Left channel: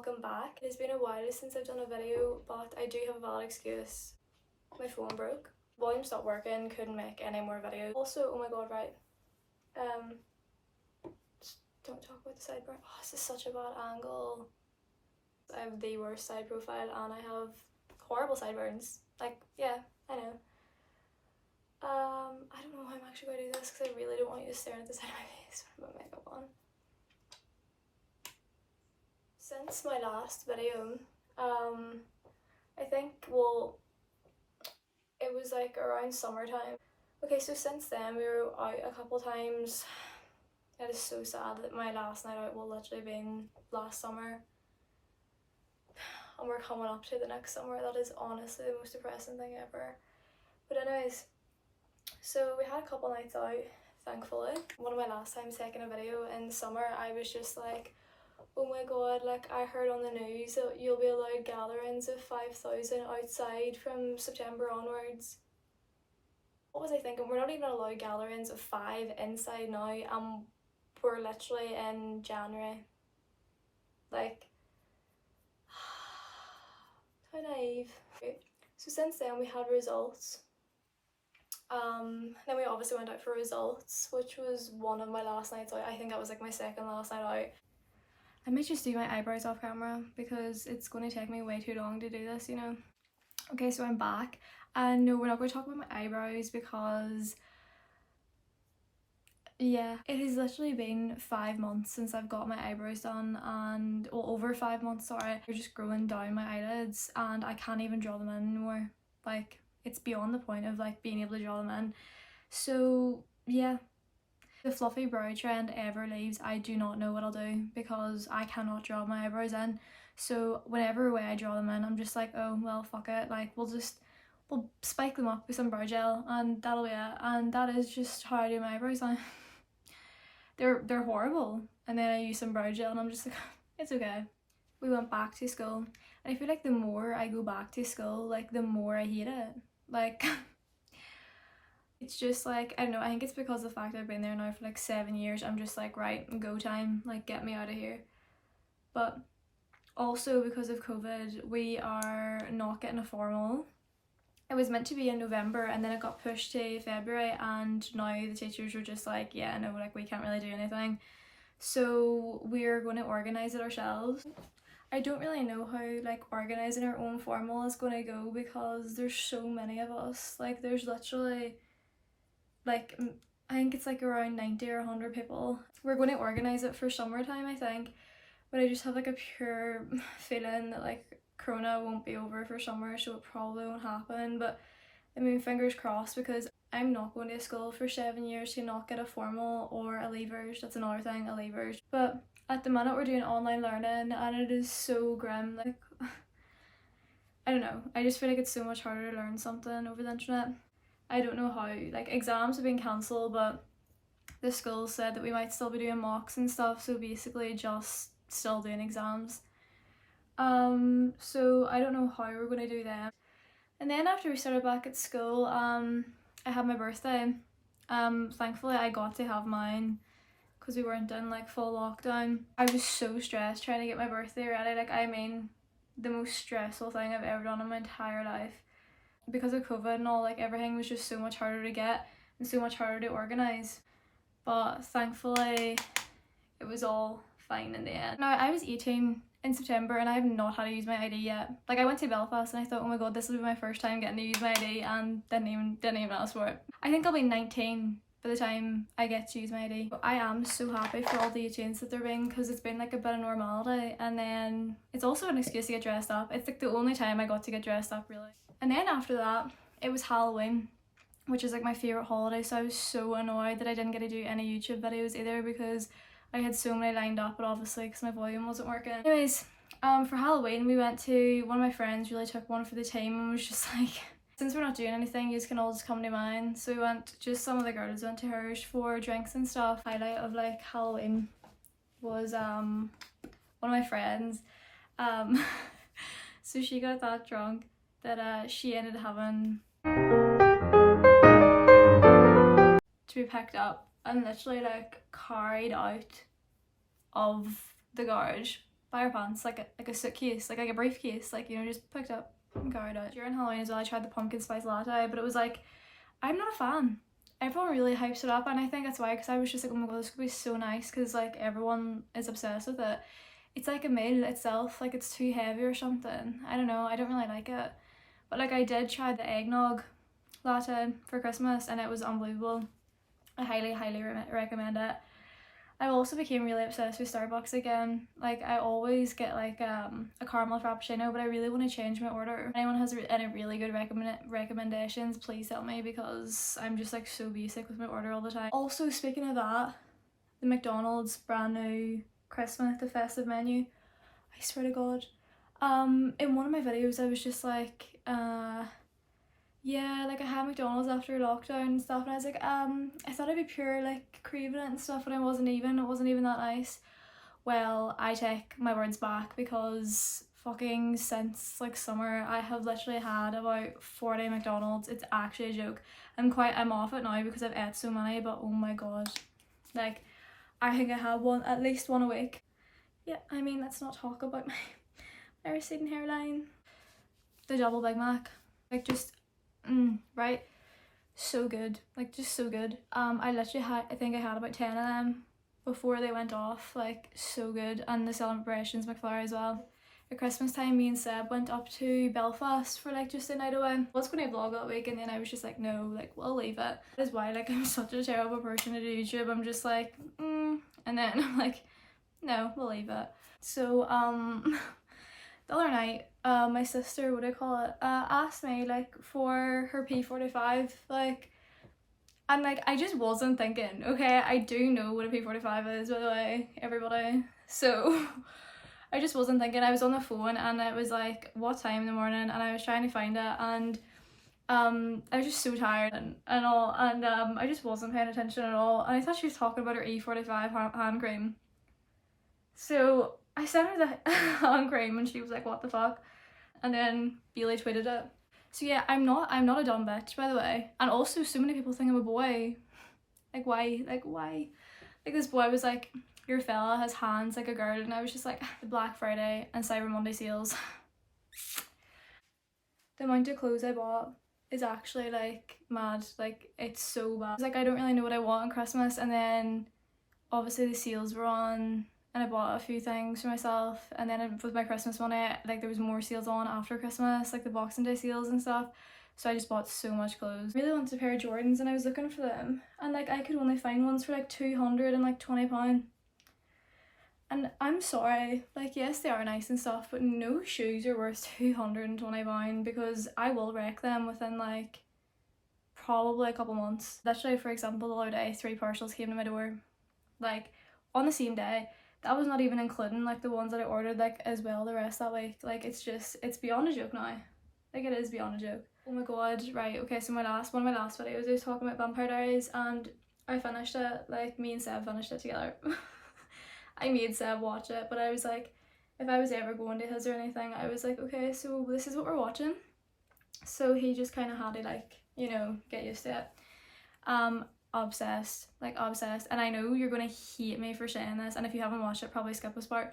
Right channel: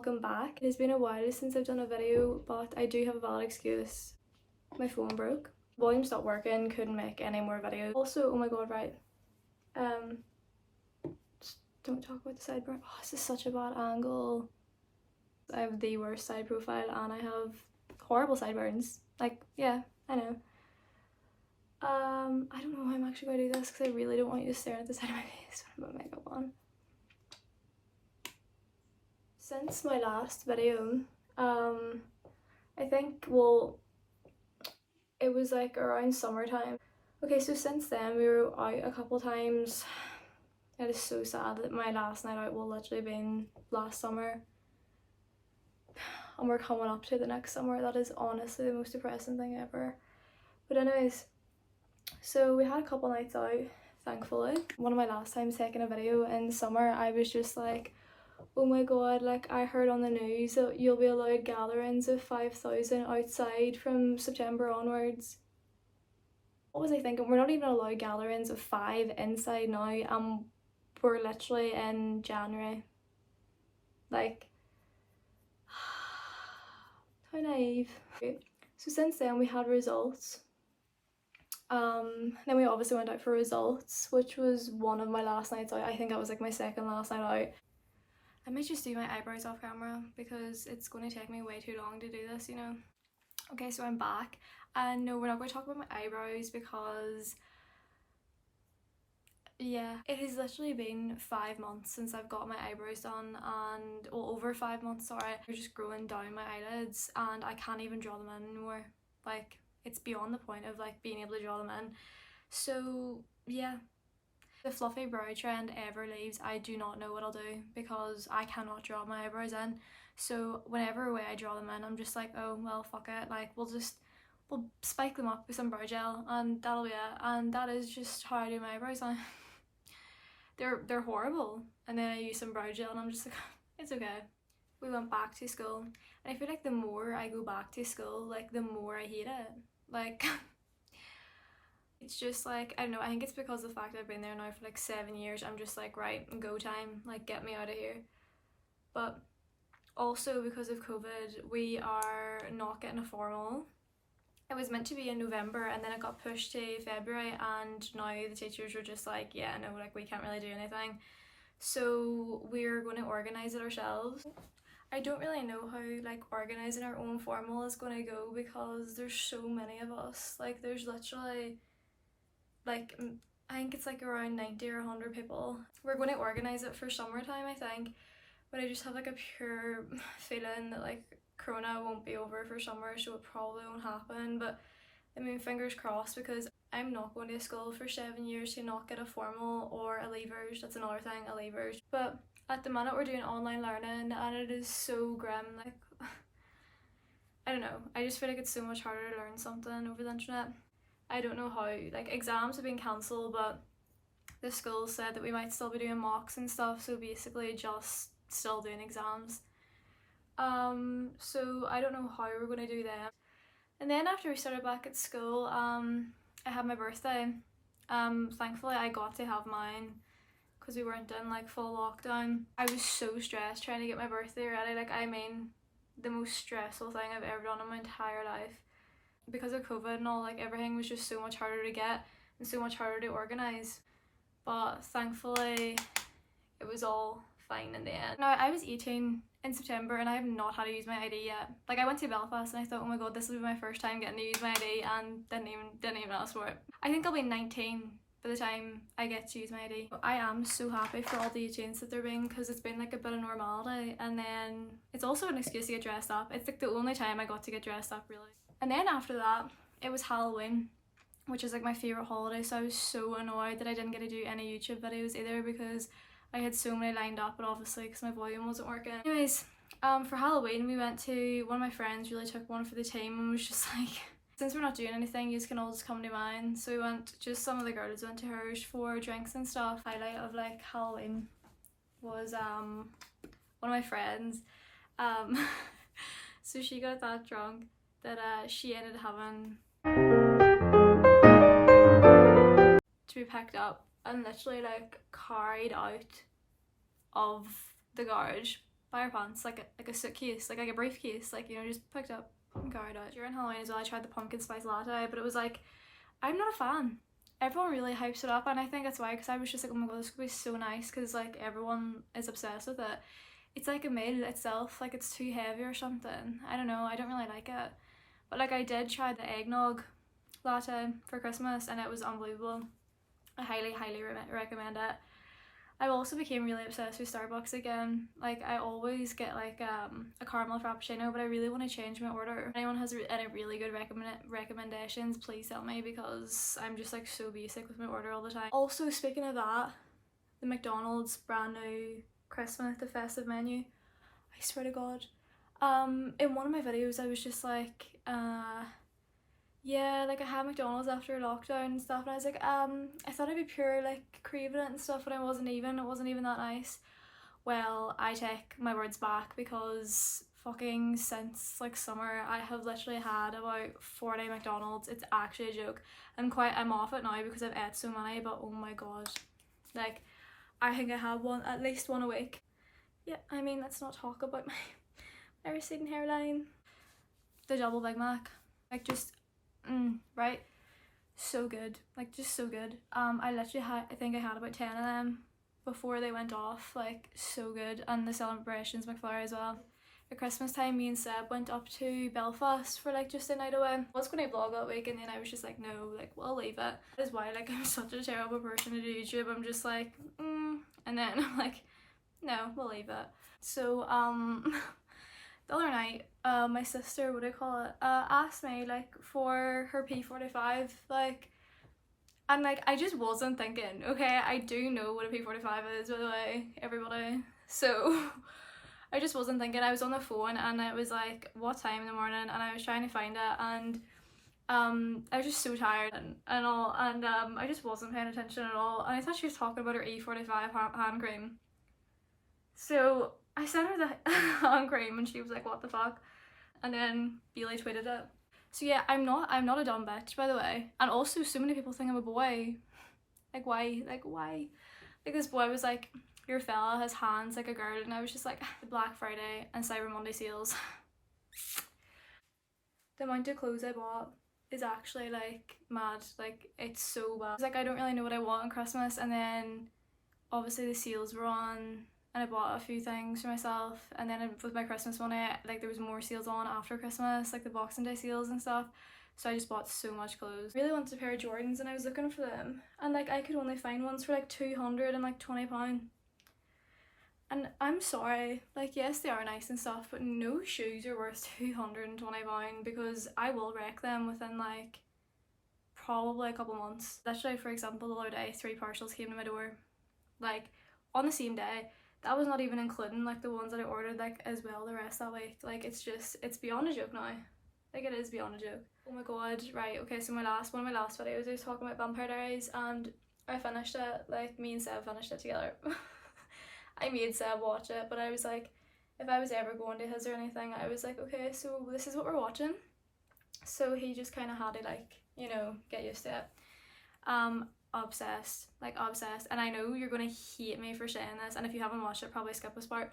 welcome back. It has been a while since I've done a video, but I do have a valid excuse. My phone broke. Volume stopped working, couldn't make any more videos. Also, oh my god, right. Just don't talk about the sideburn. Oh, this is such a bad angle. I have the worst side profile and I have horrible sideburns. Like, yeah, I know. I don't know how I'm actually going to do this because I really don't want you to stare at the side of my face when I put makeup on. Since my last video, I think, well, it was like around summertime. Okay, so since then we were out a couple times. It is so sad that my last night out will literally been last summer. And we're coming up to the next summer. That is honestly the most depressing thing ever. But anyways, so we had a couple nights out, thankfully. One of my last times taking a video in summer, I was just like, oh my god, like I heard on the news that you'll be allowed gatherings of 5,000 outside from September onwards. What was I thinking? We're not even allowed gatherings of 5 inside now, and we're literally in January. Like, how naive. So since then we had results. Then we obviously went out for results, which was one of my last nights out. I think that was like my second last night out. I might just do my eyebrows off camera because it's going to take me way too long to do this, you know. Okay, so I'm back, and no, we're not going to talk about my eyebrows because, yeah, it has literally been 5 months since I've got my eyebrows done, and, well, over 5 months, sorry. They're just growing down my eyelids and I can't even draw them in anymore. Like, it's beyond the point of like being able to draw them in. So yeah, the fluffy brow trend ever leaves, I do not know what I'll do because I cannot draw my eyebrows in. So whenever way I draw them in, I'm just like, oh well, fuck it, like we'll spike them up with some brow gel and that'll be it. And that is just how I do my eyebrows now. They're horrible, and then I use some brow gel and I'm just like, it's okay. We went back to school, and I feel like the more I go back to school, like the more I hate it. Like, it's just like, I don't know, I think it's because of the fact I've been there now for like 7 years. I'm just like, right, go time, like get me out of here. But also because of COVID, we are not getting a formal. It was meant to be in November and then it got pushed to February, and now the teachers were just like, yeah, no, like we can't really do anything. So we're going to organise it ourselves. I don't really know how like organising our own formal is going to go because there's so many of us. Like there's literally like, I think it's like around 90 or 100 people. We're going to organise it for summertime, I think, but I just have like a pure feeling that like Corona won't be over for summer, so it probably won't happen. But I mean, fingers crossed, because I'm not going to school for 7 years to not get a formal or a leavers. That's another thing, a leavers. But at the minute we're doing online learning and it is so grim. Like, I don't know, I just feel like it's so much harder to learn something over the internet. I don't know how. Like, exams have been cancelled, but the school said that we might still be doing mocks and stuff, so basically just still doing exams. So I don't know how we're going to do them. And then after we started back at school, I had my birthday. Thankfully I got to have mine because we weren't in like full lockdown. I was so stressed trying to get my birthday ready. Like, I mean, the most stressful thing I've ever done in my entire life. Because of COVID and all, like everything was just so much harder to get and so much harder to organise. But thankfully it was all fine in the end. Now, I was 18 in September and I have not had to use my ID yet. Like, I went to Belfast and I thought, oh my god, this will be my first time getting to use my ID, and didn't even ask for it. I think I'll be 19 by the time I get to use my ID. But I am so happy for all the 18s that they're being, because it's been like a bit of normality, and then it's also an excuse to get dressed up. It's like the only time I got to get dressed up, really. And then after that, it was Halloween, which is like my favourite holiday, so I was so annoyed that I didn't get to do any YouTube videos either because I had so many lined up, but obviously because my volume wasn't working. Anyways, for Halloween we went to, one of my friends really took one for the team and was just like, since we're not doing anything, you can all just come to mine. So we went, just some of the girls went to hers for drinks and stuff. Highlight of like Halloween was one of my friends, so she got that drunk that she ended up having to be picked up and literally like carried out of the garage by her pants, like a suitcase, like a briefcase, like, you know, just picked up and carried out. During Halloween as well, I tried the pumpkin spice latte, but it was like, I'm not a fan. Everyone really hypes it up, and I think that's why, because I was just like, oh my god, this could be so nice, because like everyone is obsessed with it. It's like a meal itself, like it's too heavy or something. I don't know, I don't really like it. But like I did try the eggnog latte for Christmas and it was unbelievable. I highly recommend it. I also became really obsessed with Starbucks again. Like I always get like a caramel frappuccino, but I really want to change my order. If anyone has any really good recommendations, please tell me, because I'm just like so basic with my order all the time. Also, speaking of that, the McDonald's brand new Christmas, the festive menu, I swear to god, in one of my videos I was just like, yeah, like I had McDonald's after lockdown and stuff, and I was like, I thought I'd be pure like craving it and stuff, and it wasn't even that nice. Well, I take my words back, because fucking since like summer I have literally had about 40 McDonald's. It's actually a joke. I'm off it now because I've ate so many, but oh my god, like I think I have at least one a week. Yeah, I mean, let's not talk about my receding hairline. The double Big Mac, like just right, so good, like just so good. I literally I think I had about 10 of them before they went off, like so good. And the celebrations McFlurry as well. At Christmas time, me and Seb went up to Belfast for like just a night away. I was going to vlog that week, and then I was just like, no, like we'll leave it. That is why like I'm such a terrible person to do YouTube. I'm just like and then I'm like, no, we'll leave it. So the other night, my sister, what do I call it, asked me like for her P45, like, and like I just wasn't thinking. Okay, I do know what a P45 is, by the way, everybody. So I just wasn't thinking. I was on the phone and it was like what time in the morning, and I was trying to find it, and I was just so tired and all, and I just wasn't paying attention at all, and I thought she was talking about her E45 hand cream. So I sent her the hand cream and she was like, what the fuck? And then Bailey tweeted it. So yeah, I'm not a dumb bitch, by the way. And also so many people think I'm a boy. Like why? Like why? Like this boy was like, your fella has hands like a girl, and I was just like, the Black Friday and Cyber Monday sales. The amount of clothes I bought is actually like mad. Like it's so bad. It's like I don't really know what I want on Christmas, and then obviously the sales were on and I bought a few things for myself, and then with my Christmas money, like there was more sales on after Christmas, like the Boxing Day sales and stuff, so I just bought so much clothes. I really wanted a pair of Jordans and I was looking for them, and like I could only find ones for like £220. And I'm sorry, like yes they are nice and stuff, but no shoes are worth £220, because I will wreck them within like probably a couple months. Literally, for example, the other day 3 parcels came to my door, like on the same day. That was not even including like the ones that I ordered like as well the rest that week. Like it's beyond a joke now. Like it is beyond a joke. Oh my god, right, okay, so one of my last videos I was talking about Vampire Diaries, and I finished it, like me and Seb finished it together. I made Seb watch it, but I was like, if I was ever going to his or anything, I was like, okay, so this is what we're watching. So he just kind of had to like, you know, get used to it. Obsessed, like obsessed, and I know you're gonna hate me for saying this, and if you haven't watched it, probably skip this part,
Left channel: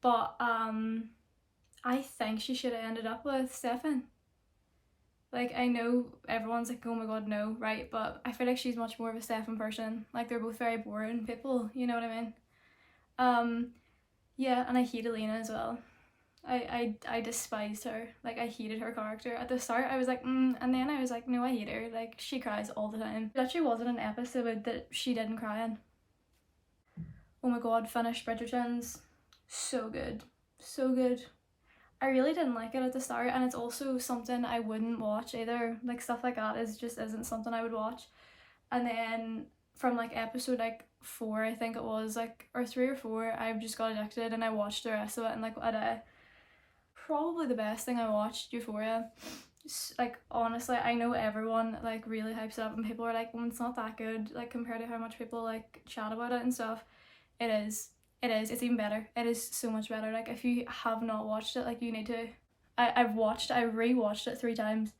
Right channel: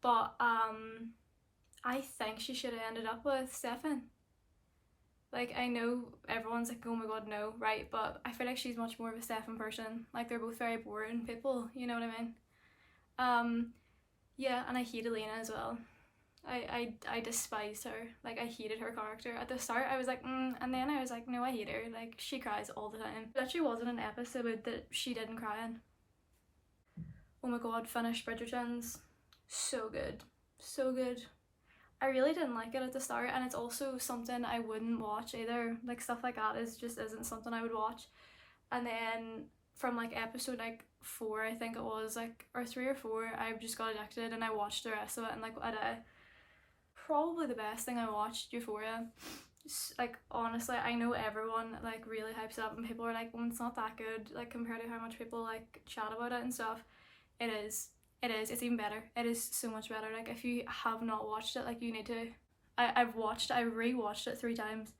but I think she should have ended up with Stefan. Like I know everyone's like, oh my god no, right, but I feel like she's much more of a Stefan person. Like they're both very boring people, you know what I mean? Yeah, and I hate Elena as well. I despised her. Like I hated her character. At the start I was like and then I was like, no, I hate her. Like she cries all the time. There actually wasn't an episode that she didn't cry in. Oh my god, finished Bridgerton's. So good. So good. I really didn't like it at the start, and it's also something I wouldn't watch either. Like stuff like that isn't something I would watch. And then from like episode like 4, I think it was, like, or 3 or 4, I've just got addicted and I watched the rest of it in like a day. Probably the best thing I watched, Euphoria. Like honestly, I know everyone like really hypes it up and people are like, well, it's not that good, like compared to how much people like chat about it and stuff. It is, it's even better. It is so much better. Like if you have not watched it, like you need to. I rewatched it 3 times,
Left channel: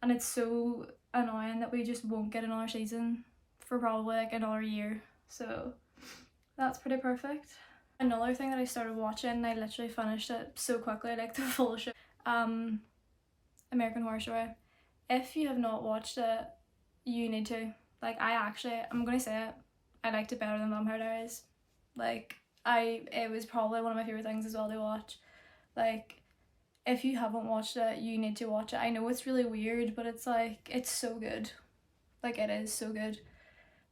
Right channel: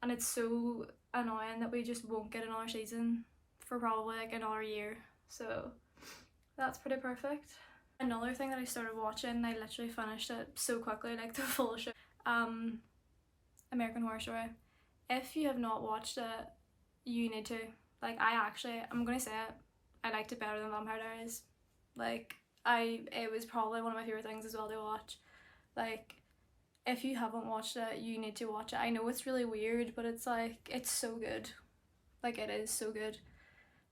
and it's so annoying that we just won't get another season for probably like another year, so that's pretty perfect. Another thing that I started watching, I literally finished it so quickly, like the full show, American Horror Story. If you have not watched it, you need to. Like, I'm gonna say it, I liked it better than Vampire Diaries. Like, it was probably one of my favourite things as well to watch. Like, if you haven't watched it, you need to watch it. I know it's really weird, but it's like, it's so good. Like, it is so good.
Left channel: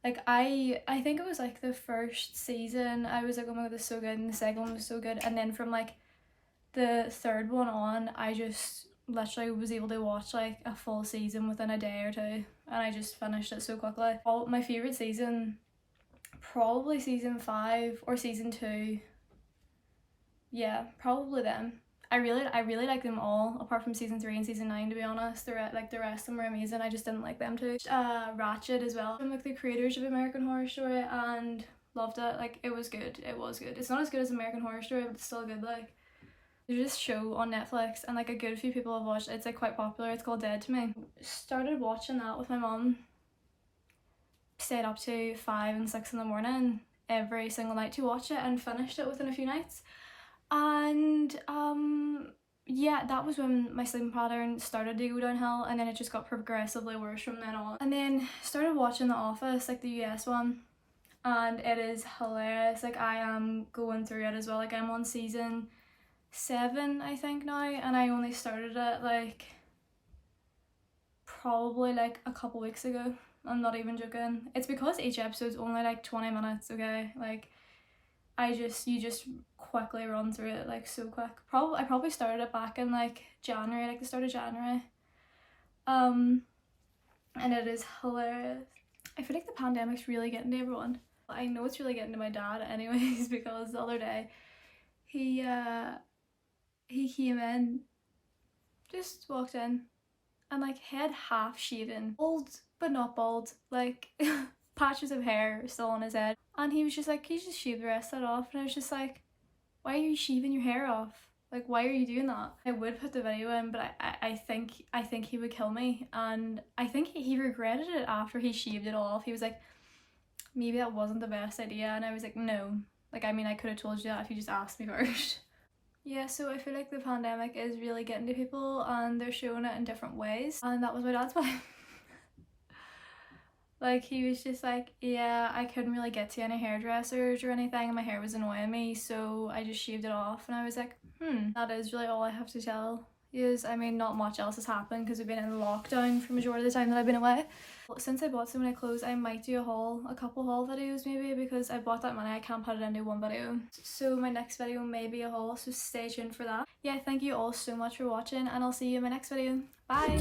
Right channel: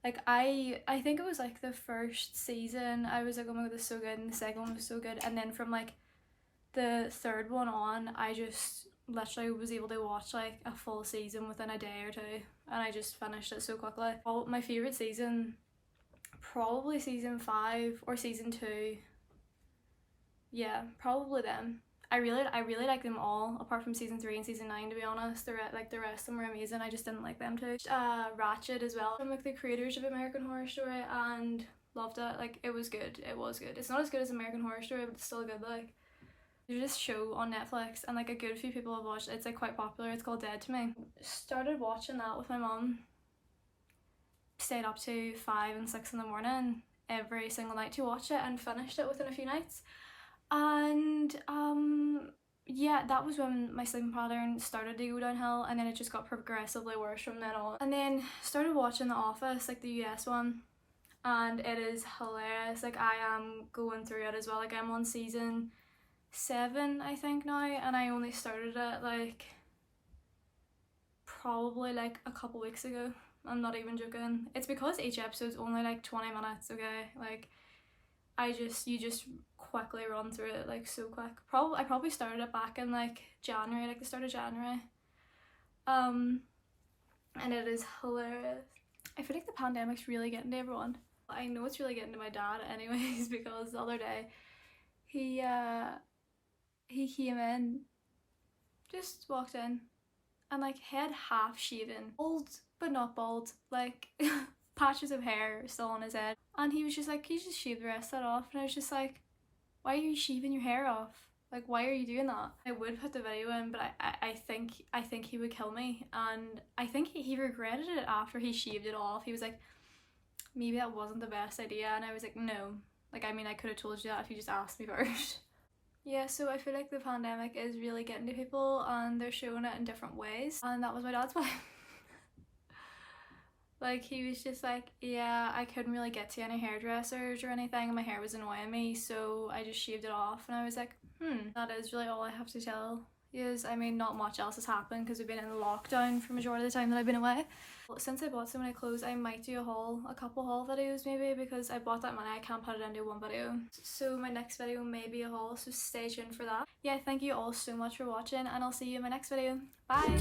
Like, I think it was like the first season, I was like, oh my god, this is so good, and the second one was so good, and then from like the third one on, I just literally was able to watch like a full season within a day or two, and I just finished it so quickly. My favourite season, probably season 5 or season 2. Yeah, probably them. I really like them all, apart from season 3 and season 9, to be honest. The rest of them were amazing. I just didn't like them too. Ratchet as well, from like the creators of American Horror Story, and loved it. Like, it was good. It was good. It's not as good as American Horror Story, but it's still good. Like, there's this show on Netflix, and like a good few people have watched it. It's like quite popular. It's called Dead to Me. Started watching that with my mum. Stayed up to 5 and 6 in the morning every single night to watch it, and finished it within a few nights. And yeah, that was when my sleeping pattern started to go downhill, and then it just got progressively worse from then on. And then started watching The Office, like the US one, and it is hilarious. Like, I am going through it as well. Like, I'm on season 7 I think now, and I only started it like probably like a couple weeks ago. I'm not even joking. It's because each episode's only like 20 minutes, okay? Like, you just quickly run through it like so quick. I probably started it back in like January, like the start of January. And it is hilarious. I feel like the pandemic's really getting to everyone. I know it's really getting to my dad anyways, because the other day he came in, just walked in, and like head half shaven, bald but not bald, like patches of hair still on his head, and he was just like, can you just shave the rest of that off? And I was just like, why are you shaving your hair off? Like, why are you doing that? I would put the video in, but I think he would kill me, and I think he regretted it after he shaved it off. He was like, maybe that wasn't the best idea, and I was like, no. Like, I mean, I could have told you that if you just asked me first. Yeah, so I feel like the pandemic is really getting to people, and they're showing it in different ways, and that was my dad's way. Like, he was just like, yeah, I couldn't really get to any hairdressers or anything, and my hair was annoying me, so I just shaved it off. And I was like, that is really all I have to tell you. I mean, not much else has happened because we've been in lockdown for majority of the time that I've been away. Since I bought so many clothes, I might do a couple haul videos maybe, because I bought that money, I can't put it into one video. So my next video may be a haul, so stay tuned for that. Yeah, thank you all so much for watching, and I'll see you in my next video. Bye!